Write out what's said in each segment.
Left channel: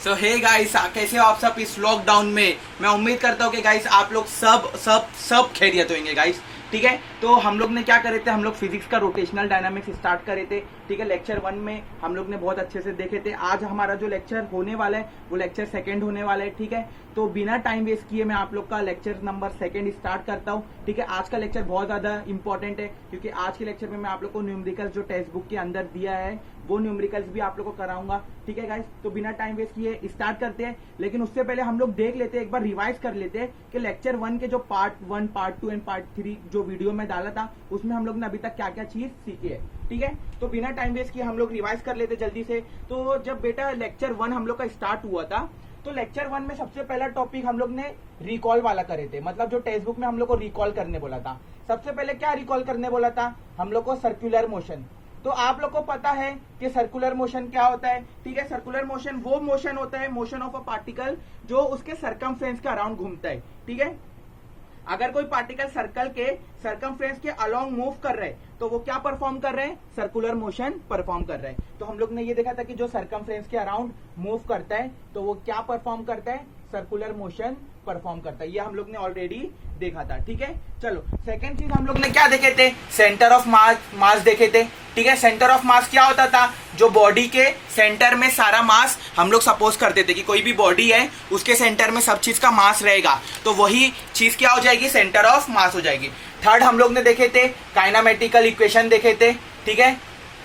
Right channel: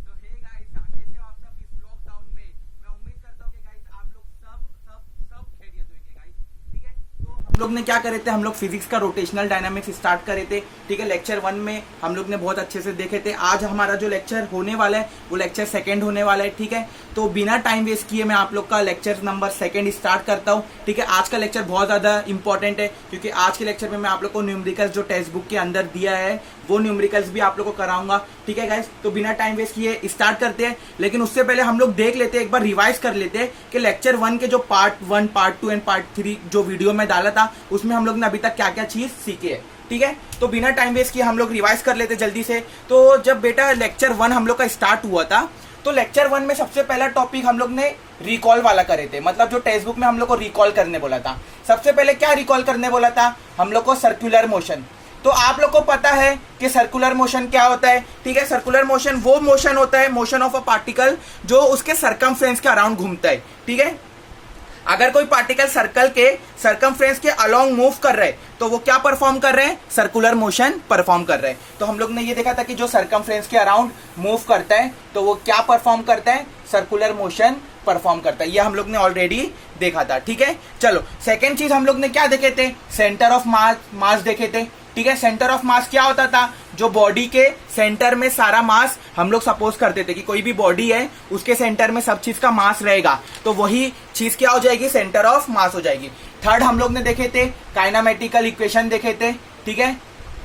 सो hey guys, कैसे हो आप सब इस लॉकडाउन में। मैं उम्मीद करता हूँ कि गाइस आप लोग सब खैरियत होंगे गाइस। ठीक है, तो हम लोग ने क्या करे थे, हम लोग फिजिक्स का रोटेशनल डायनामिक्स स्टार्ट करे थे। ठीक है, लेक्चर 1 में हम लोग ने बहुत अच्छे से देखे थे। आज हमारा जो लेक्चर होने वाला है वो लेक्चर 2 होने वाला है। ठीक है, तो बिना टाइम वेस्ट किए मैं आप लोग का लेक्चर नंबर 2 स्टार्ट करता हूँ। ठीक है, आज का लेक्चर बहुत ज्यादा इंपॉर्टेंट है क्योंकि आज के लेक्चर में मैं आप लोग को न्यूमेरिकल्स जो टेक्स्ट बुक के अंदर दिया है वो न्यूमेरिकल्स भी आप लोग को कराऊंगा। ठीक है गाइस, तो बिना टाइम वेस्ट किए स्टार्ट करते हैं। लेकिन उससे पहले हम लोग देख लेते हैं, एक बार रिवाइज कर लेते हैं कि लेक्चर 1 के जो पार्ट 1, पार्ट 2 एंड पार्ट 3 जो वीडियो में डाला था उसमें हम लोग ने अभी तक क्या क्या चीज सीखी है। ठीक है, तो बिना टाइम वेस्ट किए हम लोग रिवाइज कर लेते जल्दी से। तो जब बेटा लेक्चर 1 हम लोग का स्टार्ट हुआ था तो लेक्चर 1 में सबसे पहला टॉपिक हम लोग ने रिकॉल वाला करे थे। मतलब जो टेक्स्ट बुक में हम लोग को रिकॉल करने बोला था, सबसे पहले क्या रिकॉल करने बोला था, हम लोग को सर्कुलर मोशन। तो आप लोग को पता है कि सर्कुलर मोशन क्या होता है। ठीक है, सर्कुलर मोशन वो मोशन होता है, मोशन ऑफ अ पार्टिकल जो उसके सरकमफ्रेंस के अराउंड घूमता है। ठीक है, अगर कोई पार्टिकल सर्कल के सरकमफ्रेंस के अलोंग मूव कर रहे हैं तो वो क्या परफॉर्म कर रहे हैं, सर्कुलर मोशन परफॉर्म कर रहे हैं। तो हम लोग ने ये देखा था कि जो सरकमफ्रेंस के अराउंड मूव करता है तो वो क्या परफॉर्म करता है, सर्कुलर मोशन परफॉर्म करता है। ये हम लोग ने ऑलरेडी देखा था। ठीक है, चलो सेकेंड चीज हम लोग ने क्या देखे थे, सेंटर ऑफ मास देखे थे। ठीक है, सेंटर ऑफ मास क्या होता था, जो बॉडी के सेंटर में सारा मास हम लोग सपोज करते थे कि कोई भी बॉडी है उसके सेंटर में सब चीज का मास रहेगा, तो वही चीज क्या हो जाएगी, सेंटर ऑफ मास हो जाएगी। थर्ड हम लोग ने देखे थे काइनामेटिकल इक्वेशन देखे थे। ठीक है,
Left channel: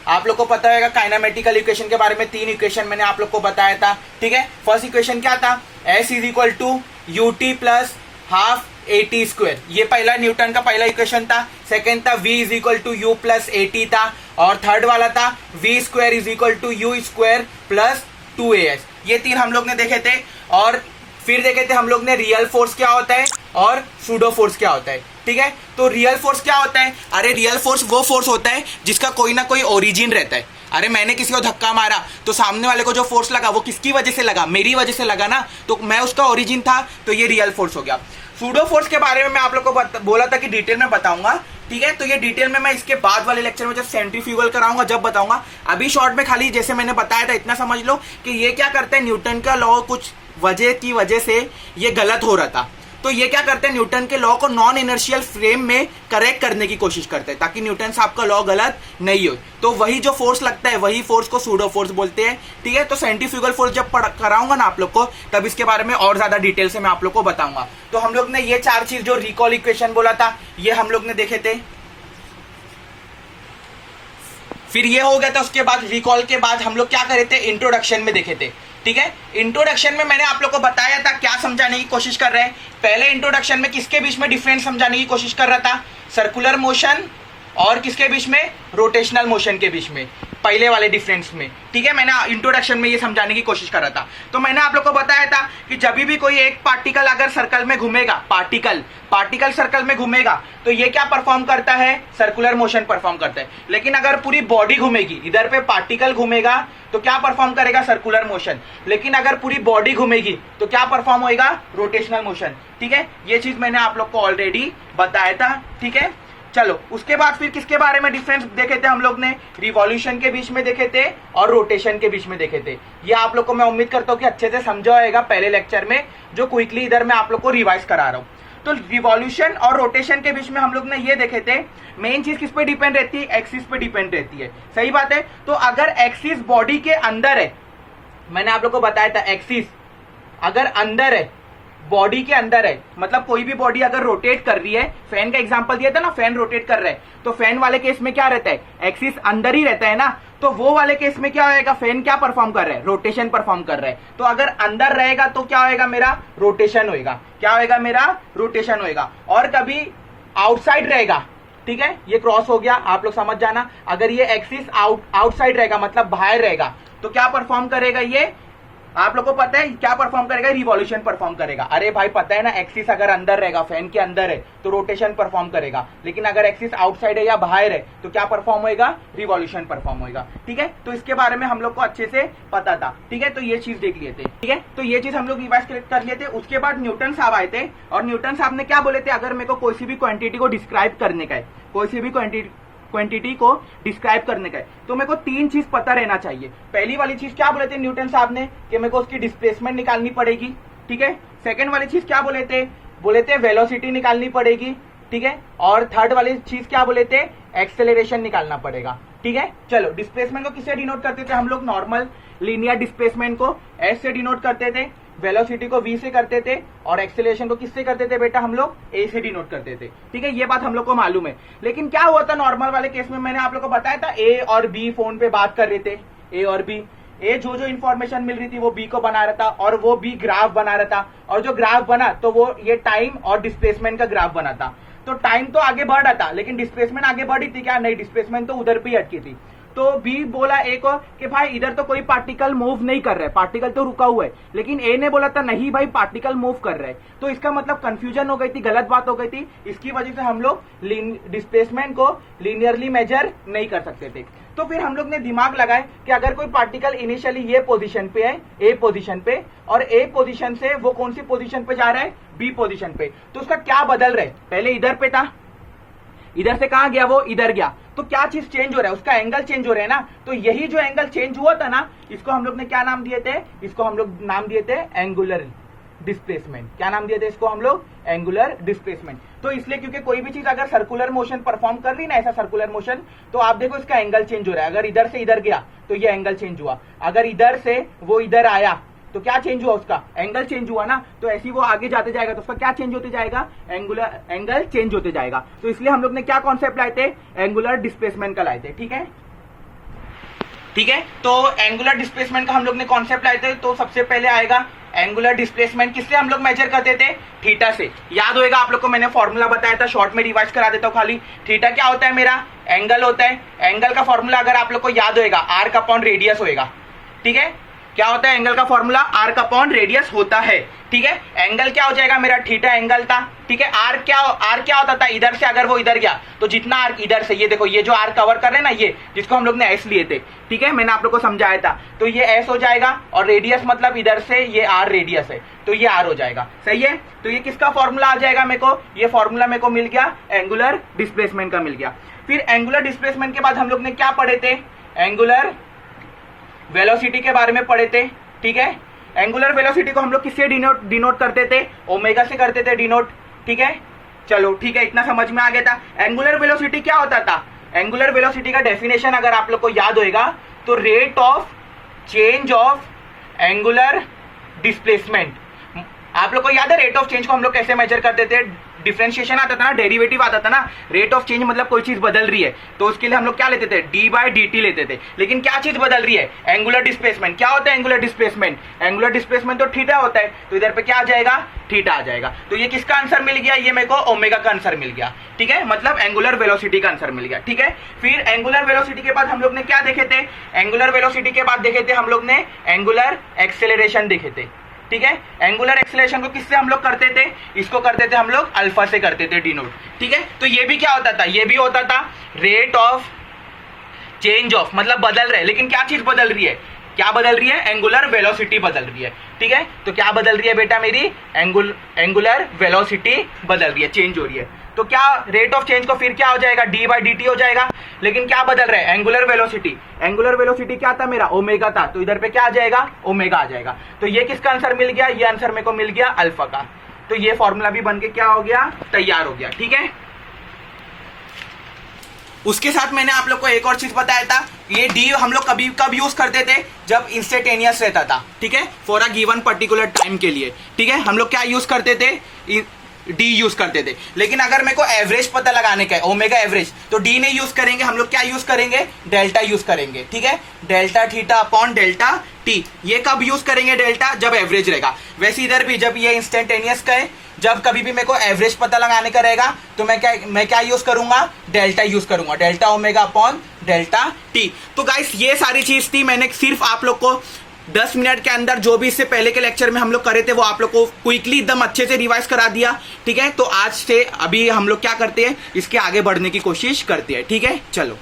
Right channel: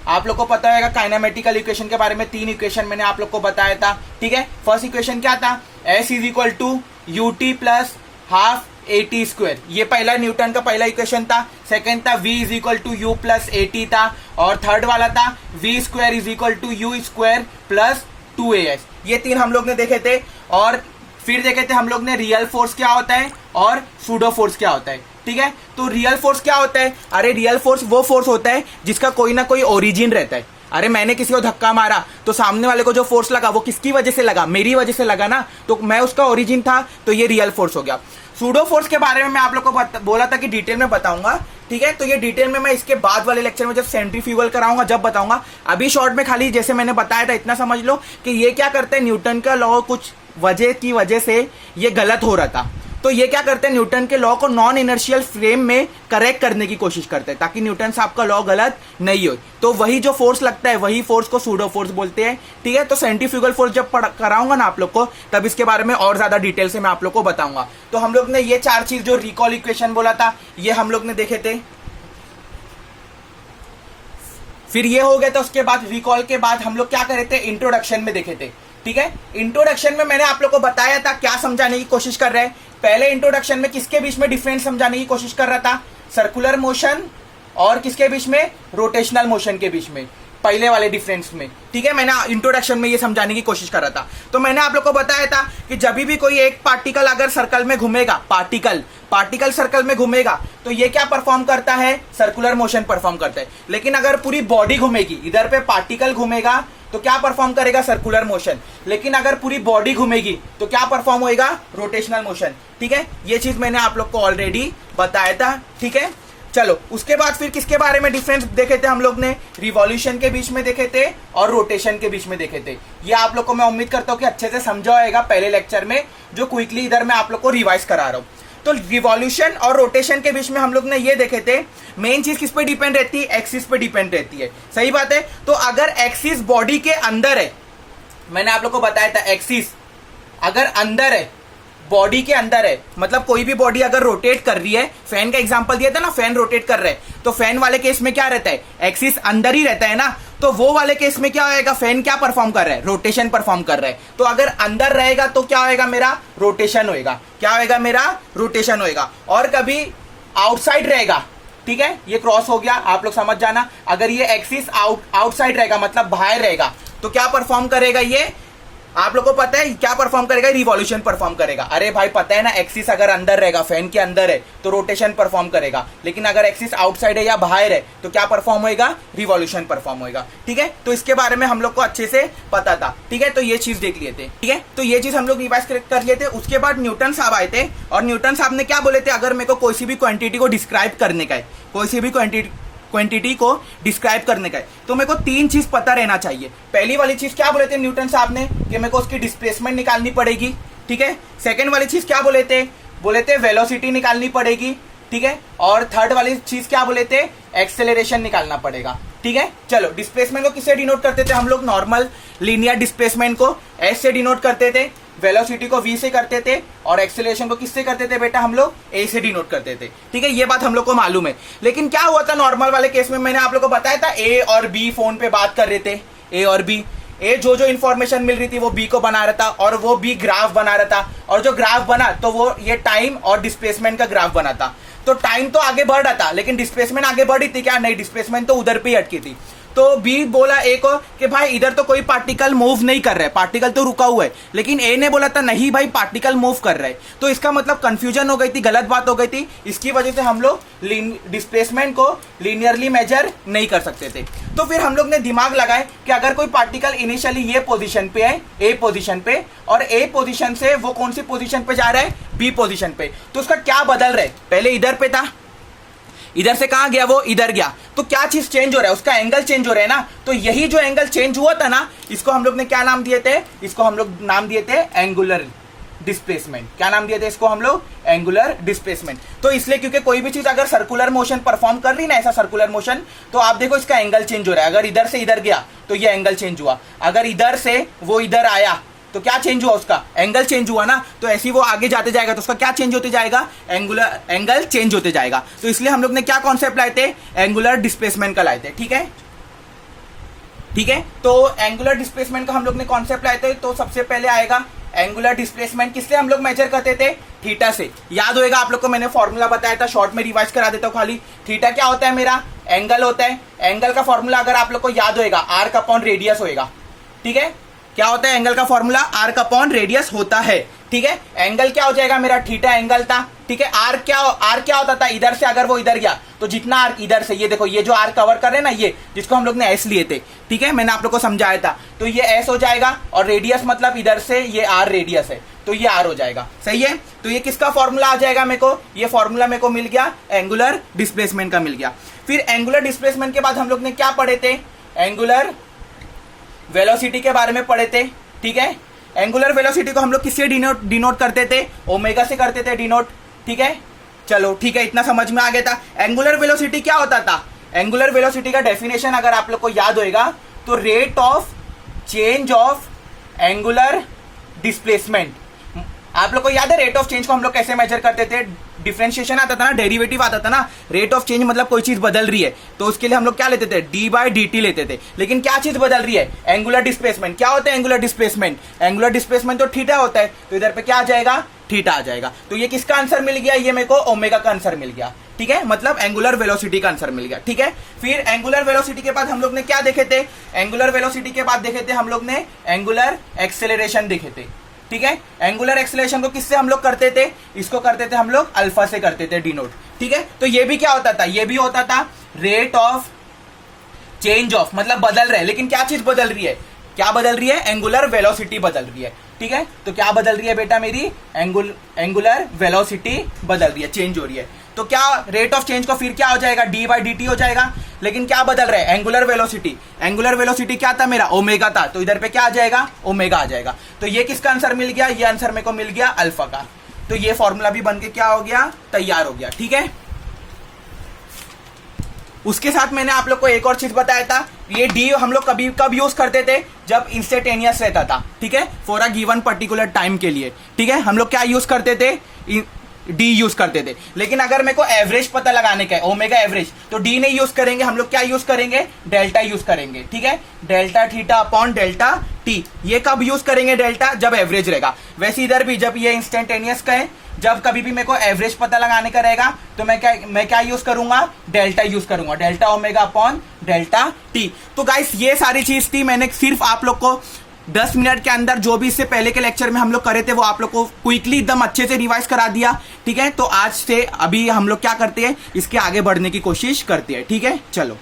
आप लोग को पता होगा काइनामेटिकल इक्वेशन के बारे में 3 इक्वेशन मैंने आप लोग को बताया था। ठीक है, फर्स्ट इक्वेशन क्या था, S is equal to UT plus half AT square, ये पहला न्यूटन का पहला इक्वेशन था। सेकेंड था V is equal to U plus AT था, और थर्ड वाला था V square is equal to U square plus 2AS। ये 3 हम लोग ने देखे थे। और फिर देखे थे हम लोग ने रियल फोर्स क्या होता है और सूडो फोर्स क्या होता है। ठीक है, तो रियल फोर्स क्या होता है, अरे रियल फोर्स वो फोर्स होता है जिसका कोई ना कोई ओरिजिन रहता है। अरे मैंने किसी को धक्का मारा तो सामने वाले को जो फोर्स लगा वो किसकी वजह से लगा, मेरी वजह से लगा ना, तो मैं उसका ओरिजिन था, तो ये रियल फोर्स हो गया। सूडो फोर्स के बारे में मैं आप लोग को बोला था कि डिटेल में बताऊंगा। ठीक है, तो ये डिटेल में मैं इसके बाद वाले लेक्चर में जब सेंट्रीफ्यूगल कराऊंगा जब बताऊंगा। अभी शॉर्ट में खाली जैसे मैंने बताया था इतना समझ लो कि ये क्या करते हैं, न्यूटन का लॉ कुछ वजह की वजह से ये गलत हो रहा था, तो ये क्या करते हैं, न्यूटन के लॉ को नॉन इनर्शियल फ्रेम में करेक्ट करने की कोशिश करते हैं ताकि न्यूटन साहब का लॉ गलत नहीं हो। तो वही जो फोर्स लगता है वही फोर्स को सूडो फोर्स बोलते हैं। ठीक है, तो सेंट्रीफ्यूगल फोर्स जब कराऊंगा ना आप लोग को तब इसके बारे में और ज्यादा डिटेल से मैं आप लोग को बताऊंगा। तो हम लोग ने ये 4 चीज जो रिकॉल इक्वेशन बोला था ये हम लोग ने देखे थे। फिर ये हो गया था, उसके बाद रिकॉल के बाद हम लोग क्या करे थे, इंट्रोडक्शन में देखे थे। ठीक है, इंट्रोडक्शन में मैंने आप लोग को बताया था क्या समझाने की कोशिश कर रहे हैं। पहले इंट्रोडक्शन में किसके बीच में डिफरेंस समझाने की कोशिश कर रहा था, सर्कुलर मोशन और किसके बीच में, रोटेशनल मोशन के बीच में, पहले वाले डिफरेंस में। ठीक है, मैंने इंट्रोडक्शन में ये समझाने की कोशिश कर रहा था। तो मैंने आप लोग को बताया था कि जब भी कोई एक पार्टिकल अगर सर्कल में घूमेगा, पार्टिकल सर्कल में घूमेगा तो ये क्या परफॉर्म करता है, सर्कुलर मोशन परफॉर्म करता है। लेकिन अगर पूरी बॉडी घूमेगी, इधर पे पार्टिकल घूमेगा तो क्या परफॉर्म करेगा, सर्कुलर मोशन। लेकिन अगर पूरी बॉडी घूमेगी तो क्या परफॉर्म होएगा, रोटेशनल मोशन। ठीक है, ये चीज मैंने आप लोग को ऑलरेडी बताया था। ठीक है, चलो उसके बाद फिर किसके बारे में डिफरेंस देखे थे हम लोग ने, रिवॉल्यूशन के बीच में देखे थे और रोटेशन के बीच में देखे थे। ये आप लोग को मैं उम्मीद करता हूँ कि अच्छे से समझा होगा पहले लेक्चर में, जो क्विकली इधर मैं आप लोग को रिवाइज करा रहा हूँ। तो रिवॉल्यूशन और रोटेशन के बीच में हम लोग ने ये देखे थे, मेन चीज किस पे डिपेंड रहती है, एक्सिस पे डिपेंड रहती है। सही बात है, तो अगर एक्सिस बॉडी के अंदर है, मैंने आप लोग को बताया था एक्सिस अगर अंदर है, बॉडी के अंदर है, मतलब कोई भी बॉडी अगर रोटेट कर रही है, फैन का एग्जांपल दिया था ना, फैन रोटेट कर रहा है, तो फैन वाले केस में क्या रहता है, एक्सिस अंदर ही रहता है ना, तो वो वाले केस में क्या होएगा, फैन क्या परफॉर्म कर रहा है, रोटेशन परफॉर्म कर रहा है। तो अगर अंदर रहेगा तो क्या होएगा, मेरा रोटेशन होएगा, क्या होएगा, मेरा रोटेशन होएगा। और कभी आउटसाइड रहेगा, ठीक है, ये क्रॉस हो गया, आप लोग समझ जाना। अगर ये एक्सिस आउटसाइड रहेगा मतलब बाहर रहेगा तो क्या परफॉर्म करेगा, ये आप लोगों को पता है क्या परफॉर्म करेगा, रिवॉल्यूशन परफॉर्म करेगा। अरे भाई पता है ना, एक्सिस अगर अंदर रहेगा, फैन के अंदर है तो रोटेशन परफॉर्म करेगा, लेकिन अगर एक्सिस आउटसाइड है या बाहर है तो क्या परफॉर्म होएगा, रिवॉल्यूशन परफॉर्म होएगा। ठीक है, तो इसके बारे में हम लोग को अच्छे से पता था। ठीक है, तो ये चीज देख लिए थे। ठीक है, तो ये चीज हम लोग रिवाइज कर लिए थे। उसके बाद न्यूटन साहब आए थे और न्यूटन साहब ने क्या बोले थे, अगर मेरे को कोई सी भी क्वांटिटी को डिस्क्राइब करने का है, कोई सी भी क्वांटिटी को डिस्क्राइब करने का है। तो मेरे को 3 चीज पता रहना चाहिए। पहली वाली चीज क्या बोले थे न्यूटन साहब ने कि मेरे को उसकी डिस्प्लेसमेंट निकालनी पड़ेगी, ठीक है। सेकंड वाली चीज क्या बोले थे वेलोसिटी निकालनी पड़ेगी, ठीक है। और थर्ड वाली चीज क्या बोले थे, एक्सेलरेशन निकालना पड़ेगा, ठीक है। चलो, डिस्प्लेसमेंट को किससे डिनोट करते थे हम लोग, नॉर्मल लीनियर डिस्प्लेसमेंट को एस से डिनोट करते थे, वेलोसिटी को v से करते थे, और एक्सेलरेशन को किससे करते थे बेटा हम लोग, a से डिनोट करते थे, ठीक है। ये बात हम लोग को मालूम है। लेकिन क्या हुआ था नॉर्मल वाले केस में, मैंने आप लोग को बताया था a और b फोन पे बात कर रहे थे, a और b, ए जो इंफॉर्मेशन मिल रही थी वो बी को बना रहा था, और वो बी ग्राफ बना रहा था, और जो ग्राफ बना तो वो ये टाइम और डिस्प्लेसमेंट का ग्राफ बना था। तो टाइम तो आगे बढ़ रहा था लेकिन डिस्प्लेसमेंट आगे बढ़ी थी क्या, नहीं, डिस्प्लेसमेंट तो उधर पे ही अटकी थी। तो बी बोला ए को कि भाई इधर तो कोई पार्टिकल मूव नहीं कर रहा है, पार्टिकल तो रुका हुआ है। लेकिन ए ने बोला था नहीं भाई पार्टिकल मूव कर रहा है। तो इसका मतलब कंफ्यूजन हो गई थी, गलत बात हो गई थी। इसकी वजह से हम लोग डिस्प्लेसमेंट को लीनियरली मेजर नहीं कर सकते थे। तो फिर हम लोग ने दिमाग लगाए कि अगर कोई पार्टिकल इनिशियली ये पोजीशन पे है, ए पोजीशन पे, और ए पोजीशन से वो कौन सी पोजीशन पे जा रहा है, बी पोजीशन पे, तो उसका क्या बदल रहा है, पहले इधर पे था, इधर से कहां गया, वो इधर गया, तो क्या चीज चेंज हो रहा है, उसका एंगल चेंज हो रहा है ना। तो यही जो एंगल चेंज हुआ था ना, इसको हम लोग ने क्या नाम दिए थे, इसको हम लोग नाम दिए थे एंगुलर डिस्प्लेसमेंट। क्या नाम दिए थे इसको हम लोग, एंगुलर डिस्प्लेसमेंट। तो इसलिए क्योंकि कोई भी चीज अगर सर्कुलर मोशन परफॉर्म कर रही ना, ऐसा सर्कुलर मोशन, तो आप देखो इसका एंगल चेंज हो रहा है। अगर इधर से इधर गया तो ये एंगल चेंज हुआ, अगर इधर से वो इधर आया तो क्या चेंज हुआ, उसका एंगल चेंज हुआ ना। तो ऐसे ही वो आगे जाते जाएगा तो उसका क्या चेंज होते जाएगा, एंगल चेंज होते जाएगा। तो इसलिए हम लोग ने क्या कॉन्सेप्ट लाए थे, एंगुलर डिस्प्लेसमेंट का लाए थे, ठीक है, ठीक है। तो एंगुलर डिस्प्लेसमेंट का हम लोग ने कॉन्सेप्ट लाए थे। तो सबसे पहले आएगा एंगुलर डिस्प्लेसमेंट, किससे हम लोग मेजर करते थे, थीटा से। याद होएगा आप लोग को, मैंने फॉर्मूला बताया था, शॉर्ट में रिवाइज करा देता हूं खाली। थीटा क्या होता है, मेरा एंगल होता है। एंगल का फॉर्मूला अगर आप लोग को याद होएगा, आर्क अपॉन रेडियस होएगा, ठीक है। क्या होता है एंगल का फॉर्मूला, आर्क अपॉन रेडियस होता है, ठीक है। एंगल क्या हो जाएगा मेरा, थीटा एंगल था, ठीक है। आर्क क्या होता था, इधर से अगर वो इधर गया तो जितना आर्क इधर से, ये देखो ये जो आर्क कवर कर रहे हैं ना, ये जिसको हम लोग ने एस लिए थे, ठीक है, मैंने आप लोग को समझाया था। तो ये एस हो जाएगा, और रेडियस मतलब इधर से ये आर रेडियस है, तो ये आर हो जाएगा, सही है। तो ये किसका फॉर्मूला आ जाएगा मेरे को, ये फॉर्मूला मेरे को मिल गया एंगुलर डिस्प्लेसमेंट का मिल गया। फिर एंगुलर डिस्प्लेसमेंट के बाद हम लोग ने क्या पढ़े थे, एंगुलर वेलोसिटी के बारे में पढ़े थे, ठीक है। एंगुलर वेलोसिटी को हम लोग किससे डिनोट करते थे, ओमेगा से करते थे डिनोट, ठीक है। चलो ठीक है, इतना समझ में आ गया था। एंगुलर वेलोसिटी क्या होता था, एंगुलर वेलोसिटी का डेफिनेशन अगर आप लोग को याद होएगा तो rate of change of angular displacement. आप लोग को याद है रेट ऑफ चेंज को हम लोग कैसे मेजर करते थे, डिफरेंशिएशन आता था ना, डेरिवेटिव आता था ना। रेट ऑफ चेंज मतलब कोई चीज बदल रही है तो उसके लिए हम लोग क्या लेते थे, d/dt लेते थे। लेकिन क्या चीज बदल रही है, एंगुलर डिस्प्लेसमेंट। क्या होता है एंगुलर डिस्प्लेसमेंट, एंगुलर डिस्प्लेसमेंट तो थीटा होता है, तो इधर पे क्या आ जाएगा, थीटा आ जाएगा। तो ये किसका आंसर मिल गया, ये मेरे को ओमेगा का आंसर मिल गया, ठीक है, मतलब एंगुलर वेलोसिटी का आंसर मिल गया, ठीक है। फिर एंगुलर वेलोसिटी के बाद हम लोग ने क्या देखे थे, एंगुलर वेलोसिटी के बाद देखे थे हम लोग ने एंगुलर एक्सेलरेशन देखे थे, ठीक है। एंगुलर एक्सेलरेशन को किससे हम लोग करते थे, इसको करते थे हम लोग अल्फा से करते थे डिनोट, ठीक है। तो ये भी क्या होता था, ये भी होता था रेट ऑफ चेंज ऑफ, मतलब बदल रहे, लेकिन क्या चीज बदल रही है, क्या बदल रही है, एंगुलर वेलोसिटी बदल रही है, ठीक है। तो क्या बदल रही है बेटा, मेरी एंगुलर वेलोसिटी बदल रही है, चेंज हो रही है। तो क्या रेट ऑफ चेंज को फिर क्या हो जाएगा, d/dt हो जाएगा। लेकिन क्या बदल रहा है, एंगुलर वेलोसिटी। एंगुलर वेलोसिटी क्या था मेरा, ओमेगा था, तो इधर पे क्या आ जाएगा, ओमेगा आ जाएगा। तो ये किसका आंसर मिल गया, ये आंसर मेरे को मिल गया अल्फा का। तो ये फॉर्मूला भी बन के क्या हो गया, तैयार हो गया, ठीक है। उसके साथ मैंने आप लोग को एक और चीज बताया था, ये डी हम लोग कभी कब यूज करते थे, जब इंस्टेंटेनियस रहता था, ठीक है, for a given particular time के लिए, ठीक है। हम लोग क्या यूज करते थे, डी यूज करते थे। लेकिन अगर मेरे को एवरेज पता लगाने का है, ओमेगा एवरेज, तो डी नहीं यूज करेंगे, हम लोग क्या यूज करेंगे, डेल्टा यूज करेंगे, ठीक है। Delta theta upon delta T. ये कब यूज करेंगे डेल्टा, जब एवरेज रहेगा। वैसे इधर भी जब ये इंस्टेंटेनियस का है, जब कभी भी मेरे को एवरेज पता लगाने का रहेगा तो मैं क्या यूज करूंगा, डेल्टा यूज करूंगा, delta omega upon delta T. तो गाइस ये सारी चीज थी, मैंने सिर्फ आप लोग को 10 मिनट के अंदर जो भी इससे पहले के लेक्चर में हम लोग करे थे वो आप लोग को क्विकली एकदम अच्छे से रिवाइज करा दिया, ठीक है। तो आज से अभी हम लोग क्या करते हैं, इसके आगे बढ़ने की कोशिश करते हैं, ठीक है। चलो,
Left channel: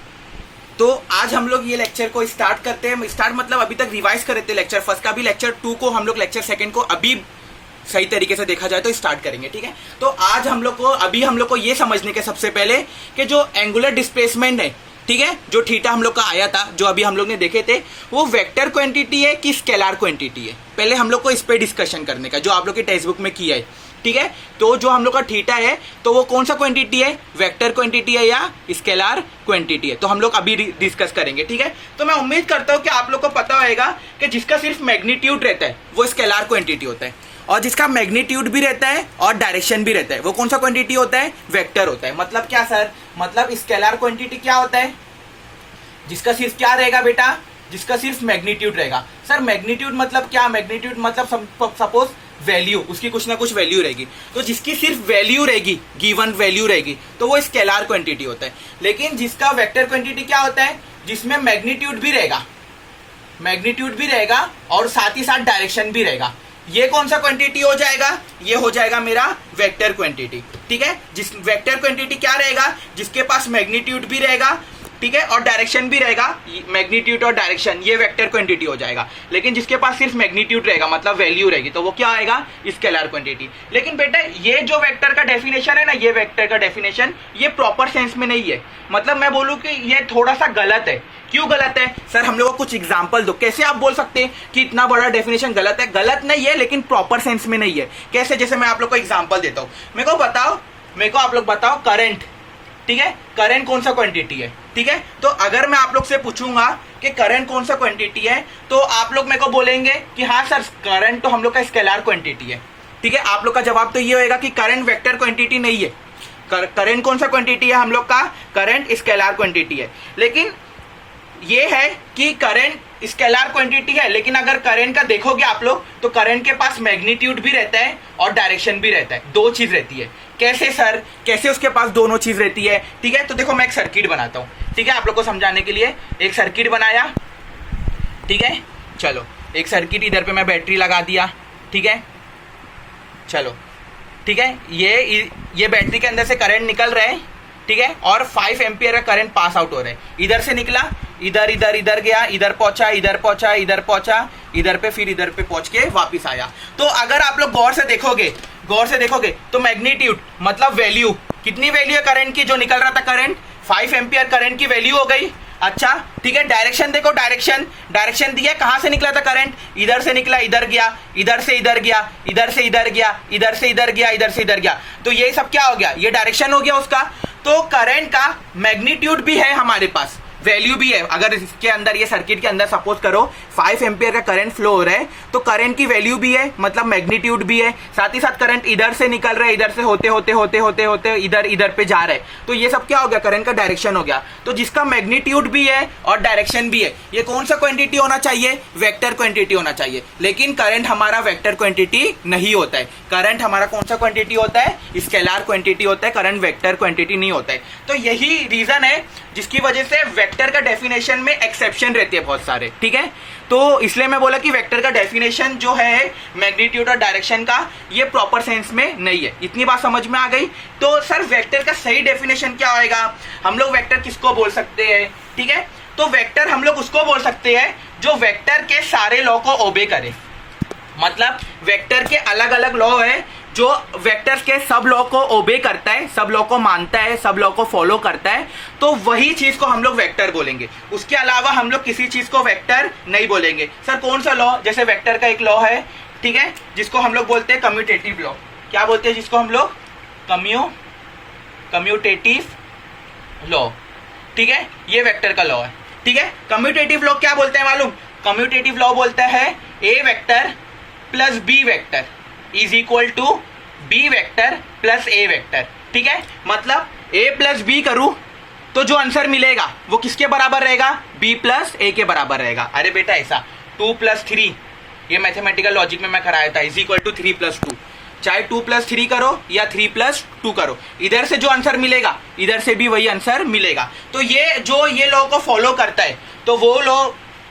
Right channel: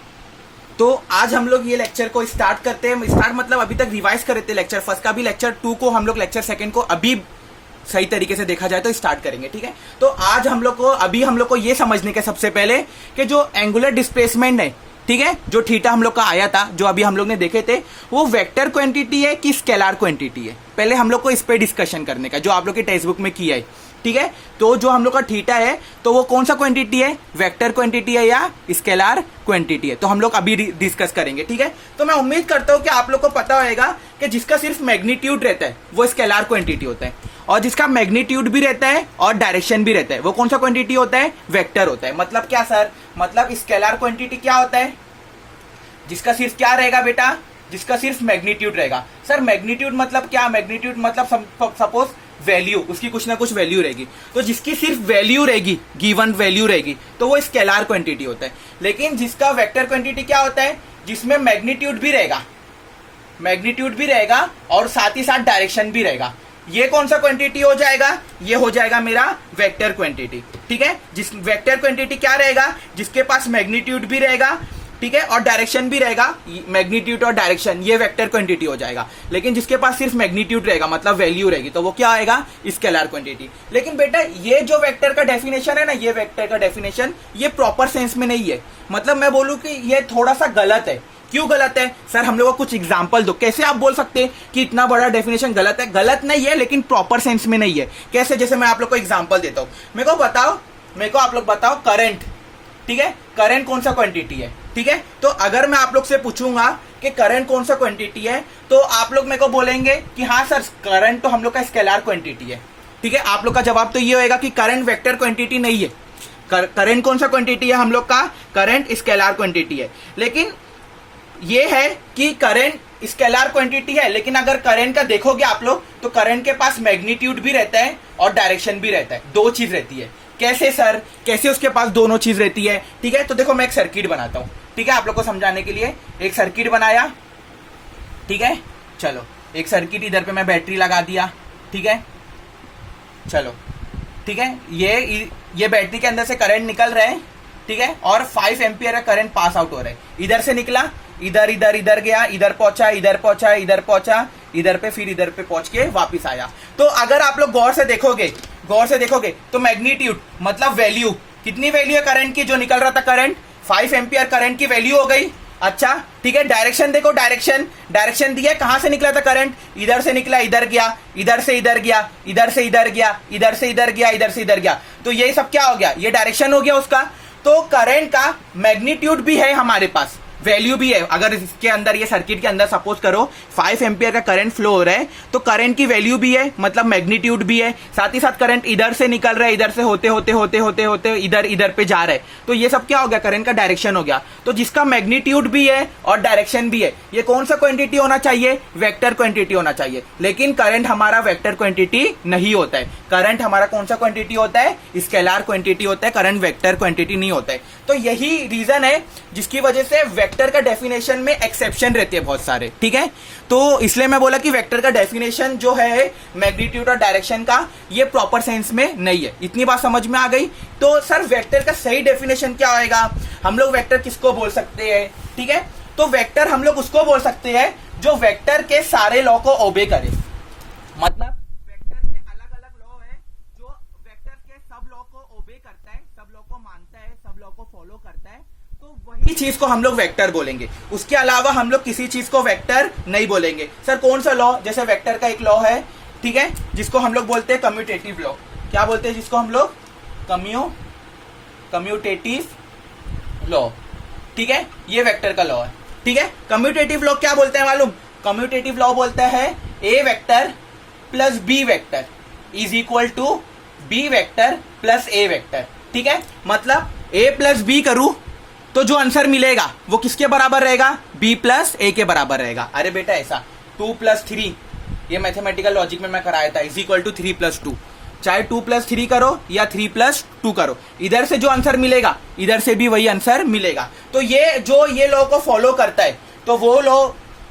तो आज हम लोग ये लेक्चर को स्टार्ट करते हैं। स्टार्ट मतलब अभी तक रिवाइज करे थे लेक्चर फर्स्ट का भी, लेक्चर 2 को हम लोग लेक्चर सेकंड को अभी सही तरीके से देखा जाए तो स्टार्ट करेंगे, ठीक है। तो आज हम लोग को ये समझने के सबसे पहले कि जो एंगुलर डिस्प्लेसमेंट है, ठीक है, जो थीटा हम लोग का आया था, जो अभी हम लोग ने देखे थे, वो वेक्टर क्वांटिटी है कि स्केलर क्वांटिटी है, पहले हम लोग को इस पे डिस्कशन करने का, जो आप लोग के टेक्स्ट बुक में किया है, ठीक है। तो जो हम लोग का थीटा है तो वो कौन सा क्वांटिटी है, वेक्टर क्वांटिटी है या स्केलर क्वांटिटी है, तो हम लोग अभी डिस्कस करेंगे, ठीक है। तो मैं उम्मीद करता हूं कि आप लोग को पता होगा कि जिसका सिर्फ मैग्नीट्यूड रहता है वो स्केलर क्वांटिटी होता है, और जिसका मैग्नीट्यूड भी रहता है और डायरेक्शन भी रहता है वो कौन सा क्वांटिटी होता है, वेक्टर होता है। मतलब क्या सर, मतलब स्केलर क्वांटिटी क्या होता है, जिसका सिर्फ क्या रहेगा बेटा, जिसका सिर्फ मैग्नीट्यूड रहेगा। सर मैग्नीट्यूड मतलब क्या, मैग्नीट्यूड मतलब सपोज वैल्यू, उसकी कुछ ना कुछ वैल्यू रहेगी, तो जिसकी सिर्फ वैल्यू रहेगी, गिवन वैल्यू रहेगी, तो वो स्केलर क्वांटिटी होता है। लेकिन जिसका वेक्टर क्वांटिटी क्या होता है, जिसमें मैग्नीट्यूड भी रहेगा, मैग्नीट्यूड भी रहेगा और साथ ही साथ डायरेक्शन भी रहेगा, ये कौन सा क्वांटिटी हो जाएगा, ये हो जाएगा मेरा वेक्टर क्वांटिटी, ठीक है। जिस वेक्टर क्वांटिटी क्या रहेगा, जिसके पास मैग्नीट्यूड भी रहेगा, ठीक है, और डायरेक्शन भी रहेगा, मैग्नीट्यूड और डायरेक्शन, ये वेक्टर क्वांटिटी हो जाएगा। लेकिन जिसके पास सिर्फ मैग्नीट्यूड रहेगा, मतलब वैल्यू रहेगी, तो वो क्या आएगा, स्केलर क्वांटिटी। लेकिन बेटा ये जो वेक्टर का डेफिनेशन है ना, ये वेक्टर का डेफिनेशन ये प्रॉपर सेंस में नहीं है। मतलब मैं बोलूं कि ये थोड़ा सा गलत है। क्यों गलत है सर, हम लोग को कुछ एग्जांपल दो। कैसे आप बोल सकते हैं कि इतना बड़ा डेफिनेशन गलत है? गलत नहीं है, लेकिन प्रॉपर सेंस में नहीं है। कैसे, जैसे मैं आप लोग को एग्जांपल देता हूं, मेरे को आप लोग बताओ करंट, ठीक है, करंट कौन सा क्वांटिटी है, ठीक है। तो अगर मैं आप लोग से पूछूंगा कि करंट कौन सा क्वांटिटी है, तो आप लोग मेरे को बोलेंगे कि हाँ सर करंट तो हम लोग का स्केलर क्वांटिटी है, ठीक है। आप लोग का जवाब तो ये होगा कि करंट वेक्टर क्वांटिटी नहीं है। करंट कौन सा क्वांटिटी है हम लोग का, करंट स्केलर क्वांटिटी है। लेकिन ये है कि करंट स्केलर क्वांटिटी है, लेकिन अगर करंट का देखोगे आप लोग तो करंट के पास मैग्नीट्यूड भी रहता है और डायरेक्शन भी रहता है, दो चीज रहती है। कैसे सर, कैसे उसके पास दोनों चीज रहती है, ठीक है। तो देखो मैं एक सर्किट बनाता हूं, ठीक है, आप लोग को समझाने के लिए एक सर्किट बनाया, ठीक है। चलो एक सर्किट, इधर पे मैं बैटरी लगा दिया, ठीक है। चलो ठीक है, ये बैटरी के अंदर से करंट निकल रहा है, ठीक है, और 5 एम्पियर का करंट पास आउट हो रहा है। इधर से निकला, इधर गया, इधर पहुंचा, इधर पहुंचा, इधर पे, फिर इधर पे पहुंच के वापिस आया। तो अगर आप लोग गौर से देखोगे तो मैग्नीट्यूड मतलब वैल्यू, कितनी वैल्यू है करंट की, जो निकल रहा था करंट 5 एम्पियर करंट की वैल्यू हो गई। अच्छा ठीक है, डायरेक्शन देखो, डायरेक्शन दिया, कहां से निकला था करंट, इधर से निकला, इधर गया, इधर से इधर गया, इधर से इधर गया, इधर से इधर गया, इधर से इधर गया, तो ये सब क्या हो गया, ये डायरेक्शन हो गया उसका। तो करंट का मैग्नीट्यूड भी है हमारे पास, वैल्यू भी है। अगर इसके अंदर, ये सर्किट के अंदर सपोज करो 5 एम्पियर का करंट फ्लो हो रहा है, तो करंट की वैल्यू भी है, मतलब मैग्नीट्यूड भी है। साथ ही साथ करंट इधर से निकल रहा है, इधर से होते इधर पे जा रहा है, तो ये सब क्या हो गया, करंट का डायरेक्शन हो गया। तो जिसका मैग्नीट्यूड भी है और डायरेक्शन भी है, ये कौन सा क्वांटिटी होना चाहिए, वेक्टर क्वांटिटी होना चाहिए। लेकिन करंट हमारा वेक्टर क्वांटिटी नहीं होता है। करंट हमारा कौन सा क्वांटिटी होता है, स्केलर क्वांटिटी होता है, करंट वेक्टर क्वांटिटी नहीं होता है। तो यही रीजन है जिसकी वजह से वेक्टर का डेफिनेशन में एक्सेप्शन रहती है बहुत सारे, ठीक है। तो इसलिए मैं बोला कि वेक्टर का डेफिनेशन जो है मैग्नीट्यूड और डायरेक्शन का, ये प्रॉपर सेंस में नहीं है। इतनी बात समझ में आ गई। तो सर वेक्टर का सही डेफिनेशन क्या होएगा, हम लोग वेक्टर किसको बोल सकते हैं, ठीक है। तो वेक्टर हम लोग उसको बोल सकते हैं जो वेक्टर के सारे लॉ को ओबे करे। मतलब वेक्टर के अलग अलग लॉ है, जो वेक्टर्स के सब लॉ को ओबे करता है, सब लॉ को मानता है, सब लॉ को फॉलो करता है, तो वही चीज को हम लोग वेक्टर बोलेंगे। उसके अलावा हम लोग किसी चीज को वेक्टर नहीं बोलेंगे। सर कौन सा लॉ, जैसे वेक्टर का एक लॉ है, ठीक है, जिसको हम लोग बोलते हैं कम्यूटेटिव लॉ। क्या बोलते हैं जिसको हम लोग, कम्यूटेटिव लॉ, ठीक है, ये वेक्टर का लॉ है, ठीक है। कम्यूटेटिव लॉ क्या बोलते हैं मालूम, कम्यूटेटिव लॉ बोलता है A vector plus B vector is equal to B vector plus A vector, ठीक है। मतलब ए प्लस बी करूं तो जो आंसर मिलेगा वो किसके बराबर रहेगा, बी प्लस ए के बराबर रहेगा। अरे बेटा ऐसा 2 + 3, ये मैथमेटिकल लॉजिक में मैं कराया था, इज इक्वल टू 3 + 2। चाहे 2 + 3 करो या 3 + 2 करो, इधर से जो आंसर मिलेगा इधर से भी वही आंसर मिलेगा। तो ये जो ये लॉ को फॉलो करता है, तो वो लॉ,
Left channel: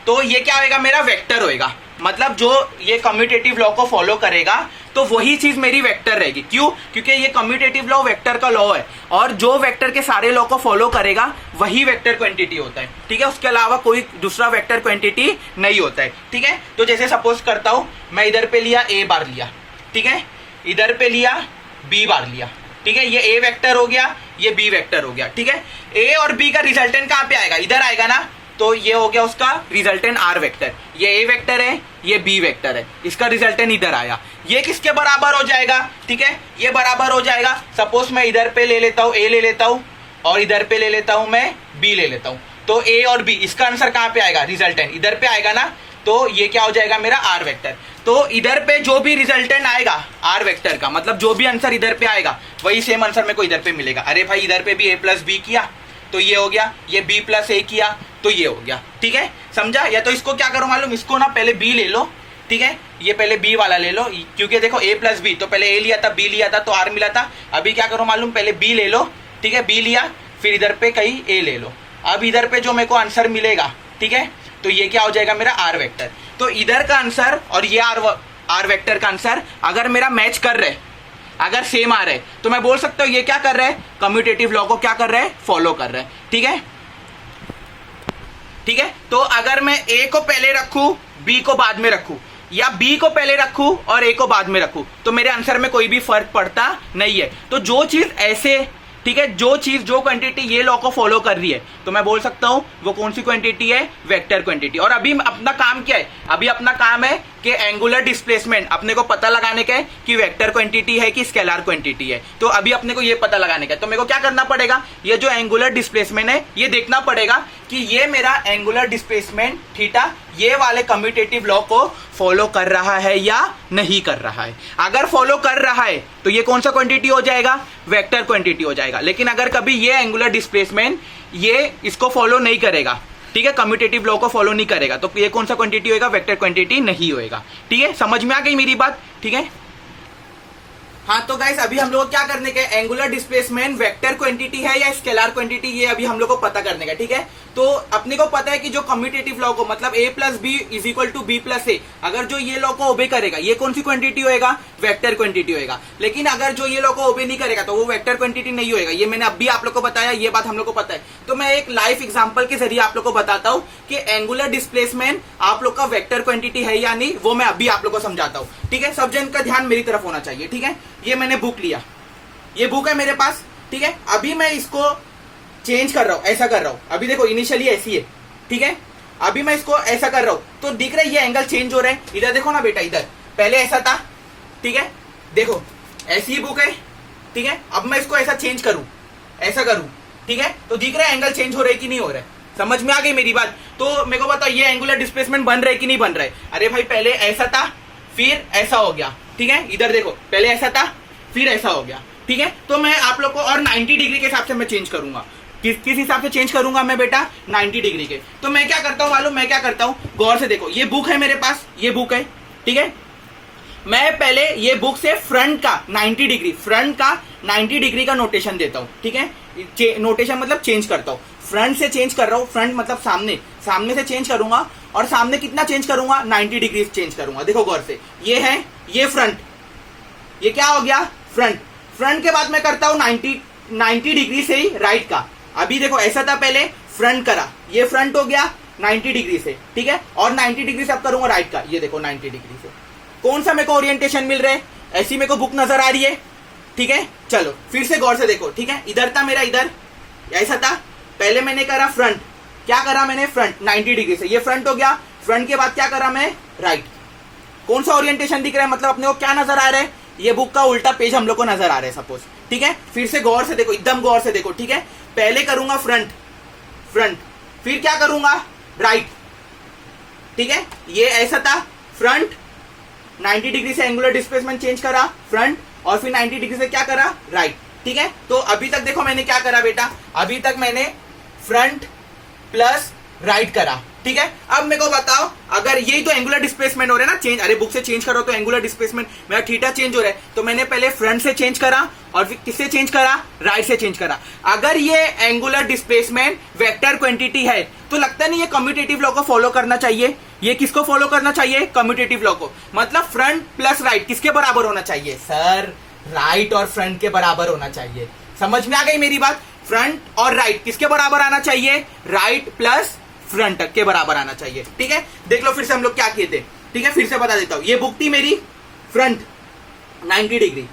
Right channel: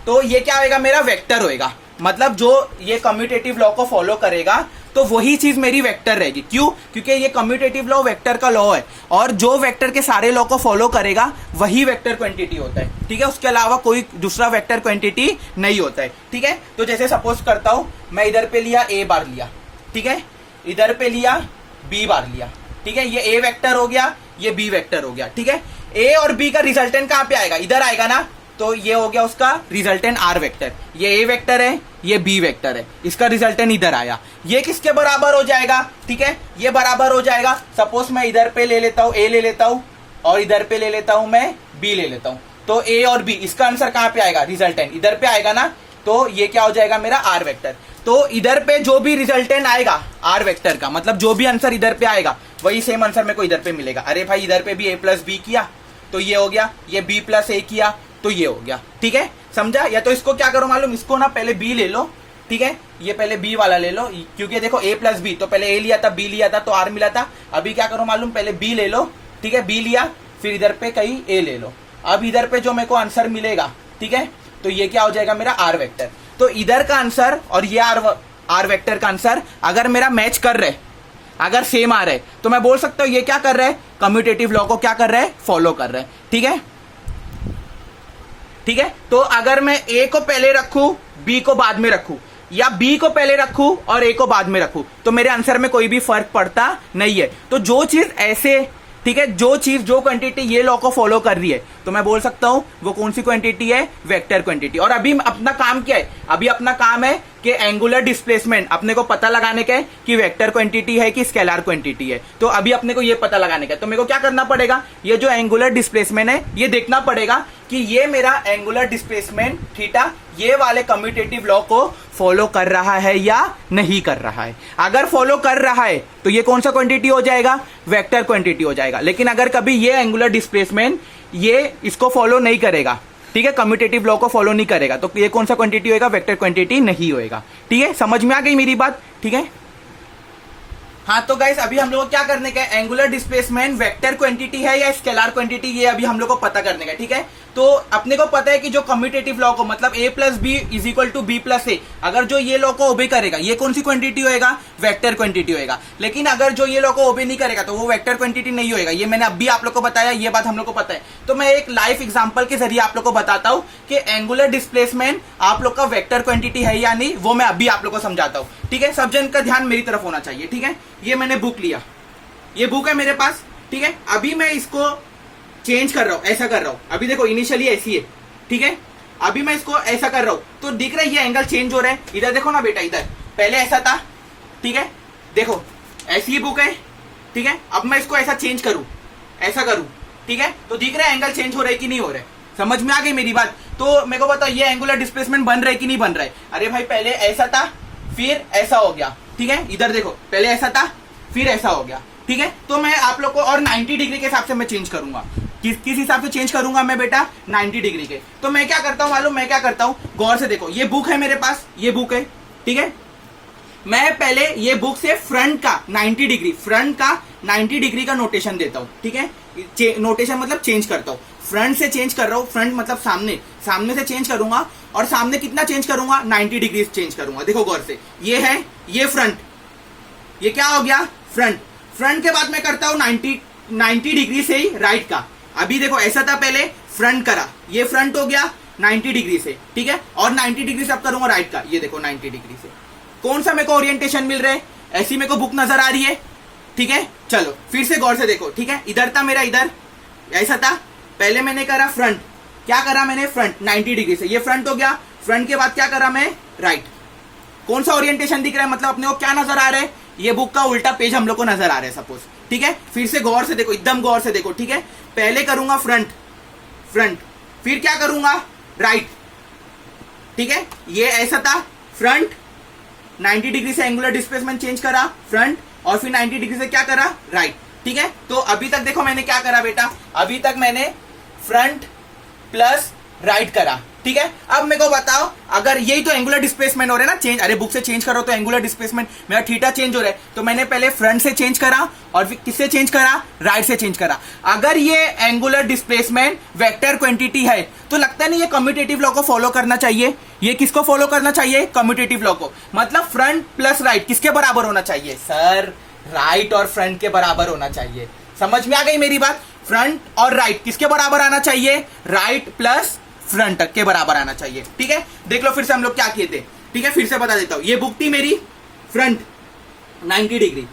तो ये क्या होएगा, मेरा वेक्टर होएगा। मतलब जो ये कम्यूटेटिव लॉ को फॉलो करेगा तो वही चीज मेरी वेक्टर रहेगी। क्यों, क्योंकि ये कम्यूटेटिव लॉ वेक्टर का लॉ है, और जो वेक्टर के सारे लॉ को फॉलो करेगा वही वेक्टर क्वांटिटी होता है, ठीक है। उसके अलावा कोई दूसरा वेक्टर क्वांटिटी नहीं होता है, ठीक है। तो जैसे सपोज करता हूं, मैं इधर पे लिया, ए बार लिया, ठीक है, इधर पे लिया, बी बार लिया, ठीक है, ये ए वेक्टर हो गया, ये बी वेक्टर हो गया, ठीक है। ए और बी का रिजल्टेंट कहाँ पे आएगा, इधर आएगा ना, तो ये हो गया उसका रिजल्टेंट आर वेक्टर। ये ए वेक्टर है, ये बी वेक्टर है, इसका रिजल्टेंट इधर आया। ये किसके बराबर हो जाएगा, ठीक है, ये बराबर हो जाएगा, सपोज मैं इधर पे ले लेता हूं, ए ले लेता हूं, और इधर पे ले लेता हूं मैं बी ले लेता हूं, तो ए और बी, इसका आंसर कहाँ पे आएगा, रिजल्टेंट इधर पे आएगा ना, तो ये क्या हो जाएगा मेरा आर वेक्टर। तो इधर पे जो भी रिजल्टेंट आएगा आर वेक्टर का, मतलब जो भी आंसर इधर पे आएगा वही सेम आंसर मेरे को इधर पे मिलेगा। अरे भाई इधर पे भी ए प्लस बी किया तो ये हो गया, ये बी प्लस ए किया तो ये हो गया, ठीक है, समझा। या तो इसको क्या करो मालूम, इसको ना पहले बी ले लो, ठीक है, ये पहले बी वाला ले लो, क्योंकि देखो ए प्लस बी, तो पहले ए लिया था, बी लिया था तो आर मिला था। अभी क्या करो मालूम, पहले बी ले लो, ठीक है, बी लिया, फिर इधर पे कहीं ए ले लो। अब इधर पे जो मेरे को आंसर मिलेगा, ठीक है, तो ये क्या हो जाएगा मेरा आर वेक्टर। तो इधर का आंसर और ये आर वेक्टर का आंसर अगर मेरा मैच कर रहे, अगर सेम आ रहे, तो मैं बोल सकता हूं ये क्या कर रहे हैं, कम्यूटेटिव लॉ को क्या कर रहे हैं, फॉलो कर रहे हैं, ठीक है, ठीक है। तो अगर मैं ए को पहले रखूं, बी को बाद में रखूं, या बी को पहले रखूं और ए को बाद में रखूं, तो मेरे आंसर में कोई भी फर्क पड़ता नहीं है। तो जो चीज ऐसे, ठीक है, जो चीज जो क्वांटिटी ये लॉ को फॉलो कर रही है, तो मैं बोल सकता हूं वो कौन सी क्वांटिटी है, वेक्टर क्वांटिटी। और अभी अपना काम क्या है, अभी अपना काम है कि एंगुलर डिस्प्लेसमेंट अपने को पता लगाने का है कि वेक्टर क्वांटिटी है कि स्केलर क्वांटिटी है। तो अभी अपने को ये पता लगाने का है, तो मेरे को क्या करना पड़ेगा, ये जो एंगुलर डिस्प्लेसमेंट है ये देखना पड़ेगा कि ये मेरा एंगुलर डिस्प्लेसमेंट थीटा ये वाले कम्यूटेटिव लॉ को फॉलो कर रहा है या नहीं कर रहा है। अगर फॉलो कर रहा है तो ये कौन सा क्वांटिटी हो जाएगा, वेक्टर क्वांटिटी हो जाएगा। लेकिन अगर कभी ये एंगुलर डिस्प्लेसमेंट ये इसको फॉलो नहीं करेगा, ठीक है, कम्यूटेटिव लॉ को फॉलो नहीं करेगा, तो ये कौन सा क्वांटिटी होएगा, वेक्टर क्वांटिटी नहीं होएगा, ठीक है। समझ में आ गई मेरी बात, ठीक है। हाँ तो गाइस अभी हम लोग को क्या करने का है, एंगुलर डिस्प्लेसमेंट वेक्टर क्वांटिटी है या स्केलर क्वांटिटी, ये अभी हम लोग को पता करने का, ठीक है। तो अपने को पता है कि जो कम्यूटेटिव लॉ को, मतलब a plus B is equal to B plus A, अगर जो ये लॉ को ओबे करेगा ये कौन सी क्वांटिटी होएगा, वेक्टर क्वांटिटी होएगा। लेकिन अगर जो ये लॉ को ओबे नहीं करेगा तो वो वेक्टर क्वांटिटी नहीं होएगा। ये मैंने अभी आप लोग को बताया, ये बात हम लोग को पता है। तो मैं एक लाइव एग्जाम्पल के जरिए आप लोग को बताता हूँ कि एंगुलर डिस्प्लेसमेंट आप लोग का वेक्टर क्वांटिटी है या नहीं, वो मैं अभी आप लोग को समझाता हूँ, ठीक है। सब जन का ध्यान मेरी तरफ होना चाहिए, ठीक है। ये मैंने बुक लिया, ये बुक है मेरे पास, ठीक है। अभी मैं इसको चेंज कर रहा हूं, ऐसा कर रहा हूं। अभी देखो इनिशियली ऐसी है, ठीक है, अभी मैं इसको ऐसा कर रहा हूं तो दिख रहा है ये एंगल चेंज हो रहा है। इधर देखो ना बेटा, इधर पहले ऐसा था, ठीक है, देखो ऐसी ही बुक है, ठीक है। अब मैं इसको ऐसा चेंज करूं, ऐसा करूं, ठीक है, तो दिख रहा है एंगल चेंज हो रहा है कि नहीं हो रहा है। समझ में आ गई मेरी बात। तो मेरे को बताओ ये एंगुलर डिस्प्लेसमेंट बन रहा है कि नहीं बन रहा है। अरे भाई पहले ऐसा था फिर ऐसा हो गया, ठीक है। इधर देखो पहले ऐसा था फिर ऐसा हो गया, ठीक है। तो मैं आप लोग को और 90 डिग्री के हिसाब से मैं चेंज करूंगा। किस हिसाब से चेंज करूंगा मैं बेटा, 90 डिग्री के। तो मैं क्या करता हूं मालूम, मैं क्या करता हूं, गौर से देखो, ये बुक है मेरे पास, ये बुक है, ठीक है। मैं पहले ये बुक से फ्रंट का 90 डिग्री, फ्रंट का 90 डिग्री का नोटेशन देता हूं, ठीक है। नोटेशन मतलब चेंज करता हूं, फ्रंट से चेंज कर रहा हूं, फ्रंट मतलब सामने, सामने से चेंज करूंगा। और सामने कितना चेंज करूंगा, 90 डिग्री चेंज करूंगा। देखो गौर से, ये है, ये फ्रंट, ये क्या हो गया, फ्रंट। फ्रंट के बाद मैं करता हूं 90 डिग्री से ही राइट का। अभी देखो ऐसा था पहले, फ्रंट करा, ये फ्रंट हो गया 90 डिग्री से, ठीक है। और 90 डिग्री से अब करूंगा राइट का, ये देखो 90 डिग्री से। कौन सा मेरे को ओरिएंटेशन मिल रहा है, ऐसी मेरे को बुक नजर आ रही है, ठीक है। चलो फिर से गौर से देखो, ठीक है। इधर था मेरा, इधर ऐसा था, पहले मैंने करा फ्रंट, क्या करा मैंने, फ्रंट 90 डिग्री से, ये फ्रंट हो गया। फ्रंट के बाद क्या करा मैं, राइट। कौन सा ओरिएंटेशन दिख रहा है, मतलब अपने को क्या नजर आ रहा है, ये बुक का उल्टा पेज हम लोग को नजर आ रहा है सपोज, ठीक है। फिर से गौर से देखो, एकदम गौर से देखो, ठीक है। पहले करूंगा फ्रंट, फ्रंट, फिर क्या करूंगा, राइट, ठीक है। ये ऐसा था, फ्रंट 90 डिग्री से एंगुलर डिस्प्लेसमेंट चेंज करा, फ्रंट, और फिर 90 डिग्री से क्या करा, राइट, ठीक है। तो अभी तक देखो मैंने क्या करा बेटा, अभी तक मैंने फ्रंट प्लस राइट करा, ठीक है। अब मेरे को बताओ, अगर यही तो एंगुलर डिस्प्लेसमेंट हो रहा है ना, चेंज, अरे बुक से चेंज करो तो एंगुलर डिस्प्लेसमेंट मेरा थीटा चेंज हो रहा है। तो मैंने पहले फ्रंट से चेंज करा और फिर किससे चेंज करा, राइट से चेंज करा। अगर ये एंगुलर डिस्प्लेसमेंट वेक्टर क्वांटिटी है तो लगता नहीं ये कम्यूटेटिव लॉ को फॉलो करना चाहिए। ये किसको फॉलो करना चाहिए, कम्यूटेटिव लॉ को। मतलब फ्रंट प्लस राइट किसके बराबर होना चाहिए, सर राइट और फ्रंट के बराबर होना चाहिए। समझ में आ गई मेरी बात। फ्रंट और राइट किसके बराबर आना चाहिए, राइट प्लस फ्रंट के बराबर आना चाहिए, ठीक है। देख लो फिर से हम लोग क्या किए थे, ठीक है। फिर से बता देता हूं, ये बुक थी मेरी फ्रंट, 90 डिग्री,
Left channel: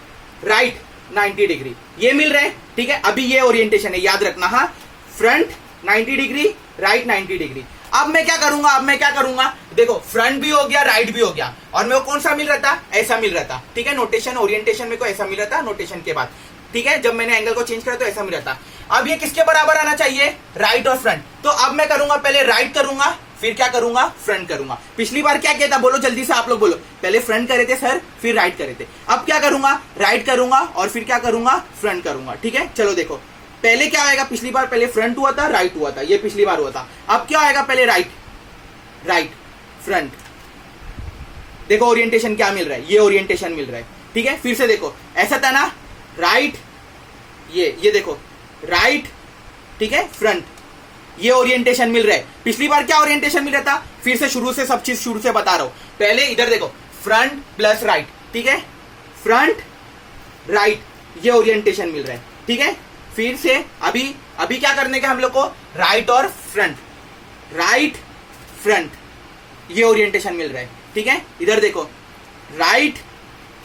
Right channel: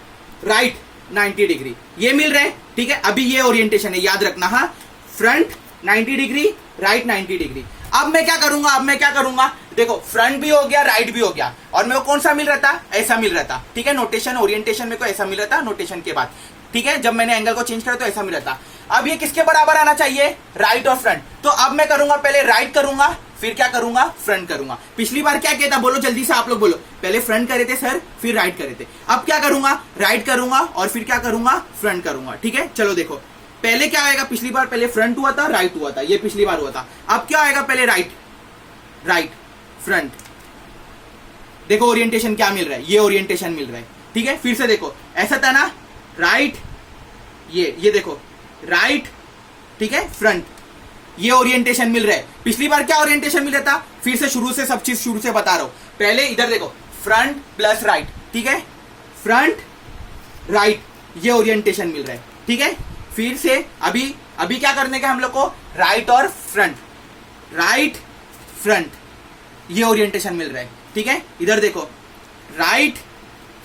राइट 90 डिग्री, ये मिल रहे हैं, ठीक है। अभी ये ओरिएंटेशन है, याद रखना, हाँ, फ्रंट 90 डिग्री, राइट 90 डिग्री। अब मैं क्या करूंगा, देखो फ्रंट भी हो गया, राइट भी हो गया, और मेरे को कौन सा मिल रहा था, ऐसा मिल रहा था, ठीक है। नोटेशन ओरिएंटेशन मेरे को ऐसा मिल रहा था नोटेशन के बाद, ठीक है। जब मैंने एंगल को चेंज करा तो ऐसा मिल रहा था। अब ये किसके बराबर आना चाहिए, राइट और फ्रंट। तो अब मैं करूंगा, पहले राइट करूंगा, फिर क्या करूंगा, फ्रंट करूंगा। पिछली बार क्या किया था, बोलो जल्दी से, आप लोग बोलो। पहले फ्रंट करे थे सर, फिर राइट करे थे। अब क्या करूंगा, राइट करूंगा और फिर क्या करूंगा, फ्रंट करूंगा, ठीक है। चलो देखो, पहले क्या आएगा, पिछली बार पहले फ्रंट हुआ था, राइट हुआ था, ये पिछली बार हुआ था। अब क्या आएगा, पहले राइट, राइट, फ्रंट। देखो ओरिएंटेशन क्या मिल रहा है, ये ओरिएंटेशन मिल रहा है, ठीक है। फिर से देखो, ऐसा था ना, राइट, ये देखो, राइट, ठीक है, फ्रंट, ये ओरिएंटेशन मिल रहा है। पिछली बार क्या ओरिएंटेशन मिल रहा था, फिर से शुरू से सब चीज शुरू से बता रहा हूं। पहले इधर देखो, फ्रंट प्लस राइट, ठीक है, फ्रंट राइट, ये ओरिएंटेशन मिल रहा है, ठीक है। फिर से अभी क्या करने का हम लोग को, राइट और फ्रंट, राइट फ्रंट, ये ओरिएंटेशन मिल रहा है, ठीक है। इधर देखो, राइट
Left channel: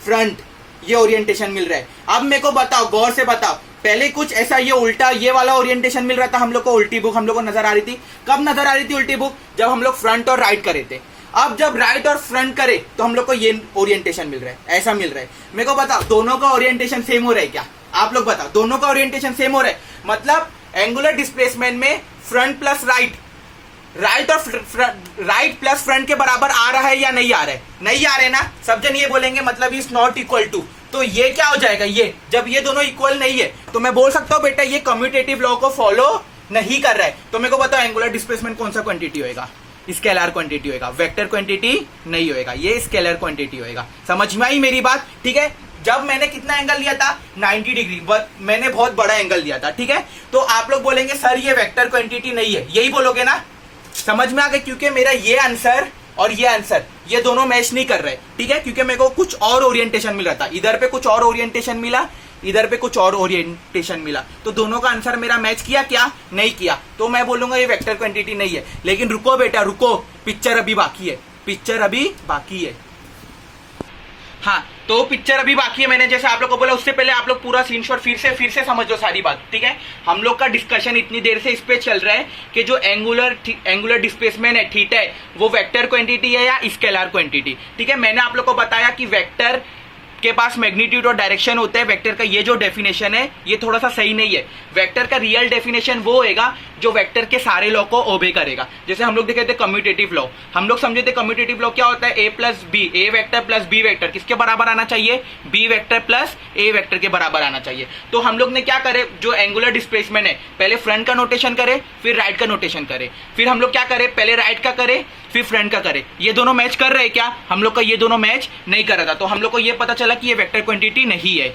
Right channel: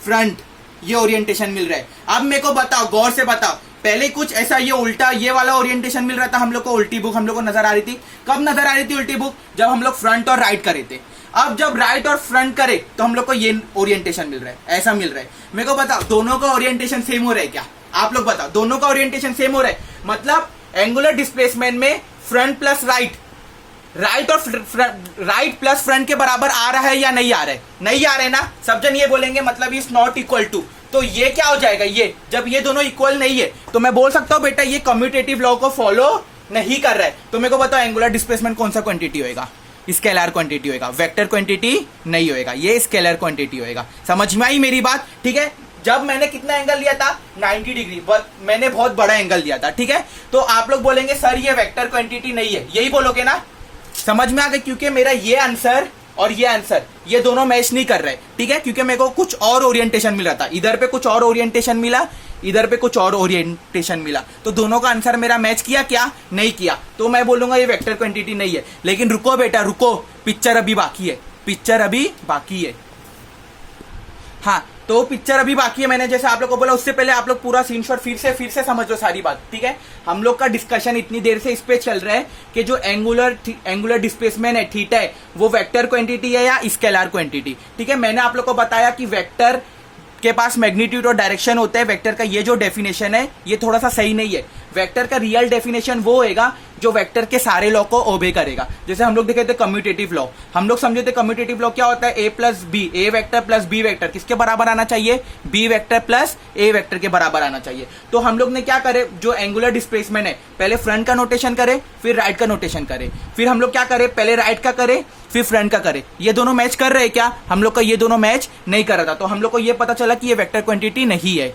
फ्रंट, ये ओरिएंटेशन मिल रहा है। अब मेरे को बताओ, गौर से बताओ, पहले कुछ ऐसा ये उल्टा ये वाला ओरिएंटेशन मिल रहा था हम लोग को, उल्टी बुक हम लोग को नजर आ रही थी। कब नजर आ रही थी उल्टी बुक, जब हम लोग फ्रंट और राइट करे थे। अब जब राइट और फ्रंट करे तो हम लोग को ये ओरिएंटेशन मिल रहा है, ऐसा मिल रहा है। मेरे को बताओ, दोनों का ओरिएंटेशन सेम हो रहा है क्या, आप लोग बताओ, दोनों का ओरिएंटेशन सेम हो रहा है। मतलब एंगुलर डिस्प्लेसमेंट में फ्रंट प्लस राइट, राइट और राइट प्लस फ्रंट के बराबर आ रहा है या नहीं आ रहा है, नहीं आ रहे ना। सब जन ये बोलेंगे मतलब इज नॉट इक्वल टू। तो ये क्या हो जाएगा, ये जब ये दोनों इक्वल नहीं है तो मैं बोल सकता हूं बेटा ये कम्यूटेटिव लॉ को फॉलो नहीं कर रहा है। तो मेरे को बताओ एंगुलर डिस्प्लेसमेंट कौन सा क्वांटिटी होएगा, स्केलर क्वांटिटी होएगा, वेक्टर क्वांटिटी नहीं होएगा, ये स्केलर क्वांटिटी होएगा। समझ में आई मेरी बात, ठीक है। जब मैंने कितना एंगल लिया था, 90 डिग्री, मैंने बहुत बड़ा एंगल लिया था, ठीक है। तो आप लोग बोलेंगे सर ये वेक्टर क्वांटिटी नहीं है, यही बोलोगे ना, समझ में आ गया। क्योंकि मेरा ये आंसर और ये आंसर ये दोनों मैच नहीं कर रहे, ठीक है। क्योंकि मेरे को कुछ और ओरिएंटेशन मिला था, इधर पे कुछ और ओरिएंटेशन मिला, इधर पे कुछ और ओरिएंटेशन मिला, तो दोनों का आंसर मेरा मैच किया क्या, नहीं किया। तो मैं बोलूंगा ये वेक्टर क्वांटिटी नहीं है। लेकिन रुको बेटा रुको, पिक्चर अभी बाकी है, पिक्चर अभी बाकी है। हाँ, तो पिक्चर अभी बाकी है। मैंने जैसे आप लोग को बोला, उससे पहले आप लोग पूरा सीन शॉट फिर से समझ लो सारी बात, ठीक है। हम लोग का डिस्कशन इतनी देर से इस पे चल रहा है कि जो एंगुलर डिस्प्लेसमेंट है, थीटा है, वो वेक्टर क्वांटिटी है या स्केलर क्वांटिटी, ठीक है। मैंने आप लोग को बताया कि वेक्टर के पास मैग्नीट्यूड और डायरेक्शन होता है। वेक्टर का ये जो डेफिनेशन है ये थोड़ा सा सही नहीं है। वेक्टर का रियल डेफिनेशन वो होएगा जो वेक्टर के सारे लॉ को ओबे करेगा। जैसे हम लोग देखे थे कम्यूटेटिव लॉ, हम लोग समझे थे कम्यूटेटिव लॉ क्या होता है, ए प्लस बी, ए वेक्टर प्लस बी वेक्टर किसके बराबर आना चाहिए, B vector plus A vector के बराबर आना चाहिए। तो हम लोग ने क्या करे, जो एंगुलर डिस्प्लेसमेंट है पहले फ्रंट का नोटेशन करे, फिर राइट का नोटेशन करे, फिर हम लोग क्या करे, पहले राइट का करे फिर फ्रंट का करे। ये दोनों मैच कर रहे हैं क्या, हम लोग का ये दोनों मैच नहीं कर रहा था। तो हम लोग को ये पता चला कि ये वेक्टर क्वांटिटी नहीं है।